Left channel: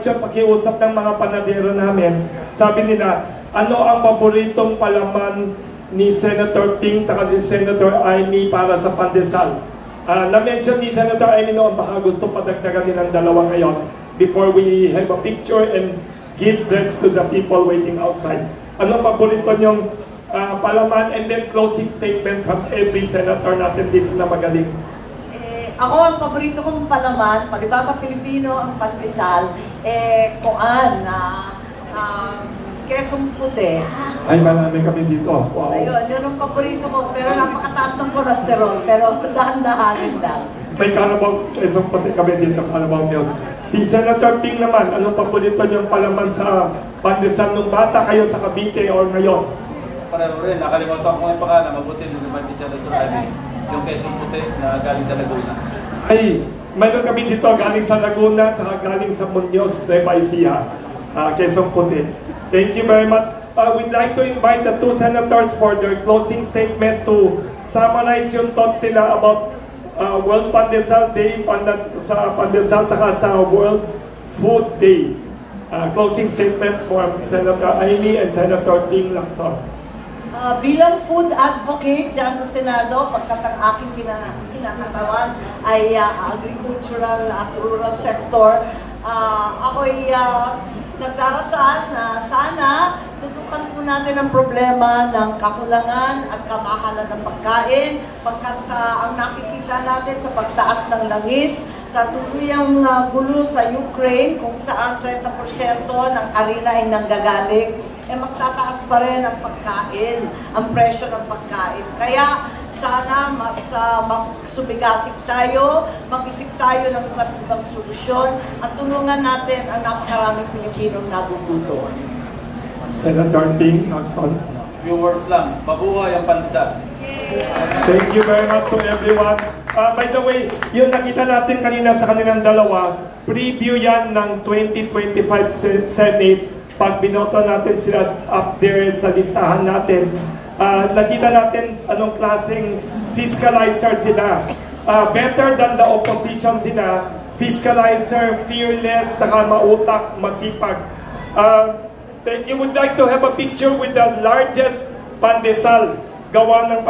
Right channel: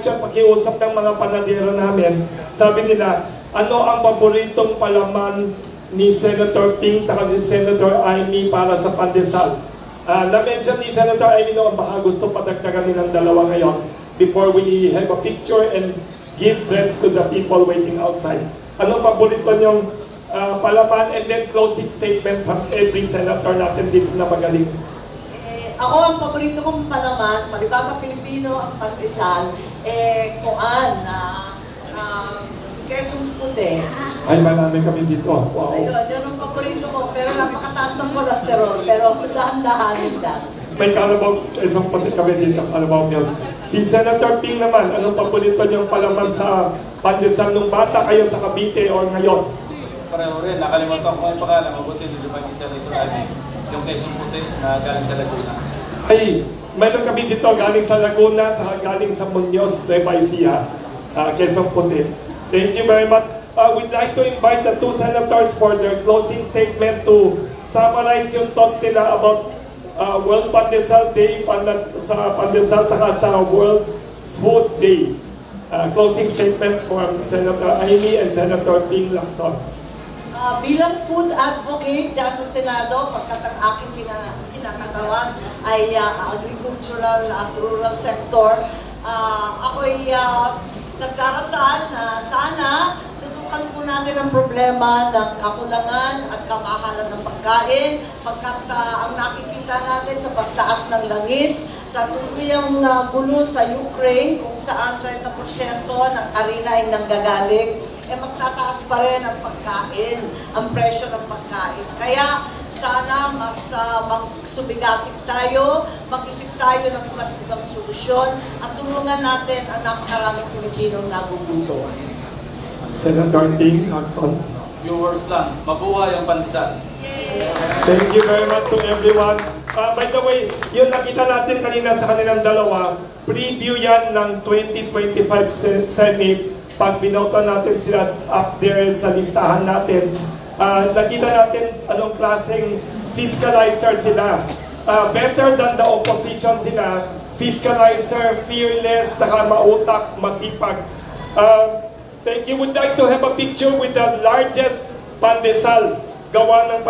Siya pakiusap ng mga panadero namin, sabi nila, ano ang paboritong palaman ni Senator Ping at ni Senator Amy para sa pandesal? Na-mention ni Senator Amy noon, baka gusto padagdagan din ng dalawa ngayon before we have a picture and give breads to the people waiting outside. Ano paborito niyong palaman, and then closing statement from every senator natin dito na magaling? Ako, ang paborito kong palaman, palibasa Pilipino, ang pandesal, kesong puti. Ay, marami kami dito. Wow. Ayun, yun ang paborito ko, pero napakataas ng cholesterol, pero dahan-dahanin lang. May Carabao, kesong puti kami dito, Carabao milk. Si Senator Ping naman, anong paborito niyong palaman sa pandesal nung bata kayo sa Cavite o ngayon? Pareho rin, nakalimutan ko ang pangalan, mabuti nung lumabit sa Laguna. Yung kesong puti na galing sa Laguna. Ay, mayroon kami dito galing sa Laguna at galing sa Muñoz, Nueva Ecija, Quezon Puti. Thank you very much. We'd like to invite the two senators for their closing statement to summarize yung thoughts nila about World Pandesal Day, sa Pandesal at sa World Food Day. Closing statement from Senator Amy and Senator Ping Lacson. Bilang food advocate dyan sa Senado, pagkat ang aking pinakatawan ay agricultural at rural sector, ako'y nagdarasal na sana tutukan po natin ang problema ng kakulangan at kamahalan ng pagkain, pagkat ang nakikita natin sa pagtaas ng langis, sa tuluyang gulo sa Ukraine, kung saan 30% ng harina ay nanggagaling, magtataas pa rin ang pagkain, ang presyo ng pagkain. Kaya sana mas magsubigasik tayo, mag-isip tayo ng iba't ibang solusyon at tulungan natin ang napakaraming Pilipinong nagugutom. Senator Ping Lacson. Viewers lang, mabuhay ang pandesal. Thank you very much to everyone. By the way, yun nakita natin kanina sa kanilang dalawa, preview yan ng 2025 Senate. Pag binoto natin sila up there sa listahan natin, nakita natin anong klaseng fiscalizer sila. Better than the opposition sila, fiscalizer, fearless, saka mautak, masipag. Thank you. Would like to have a picture with the largest pandesal gawa ng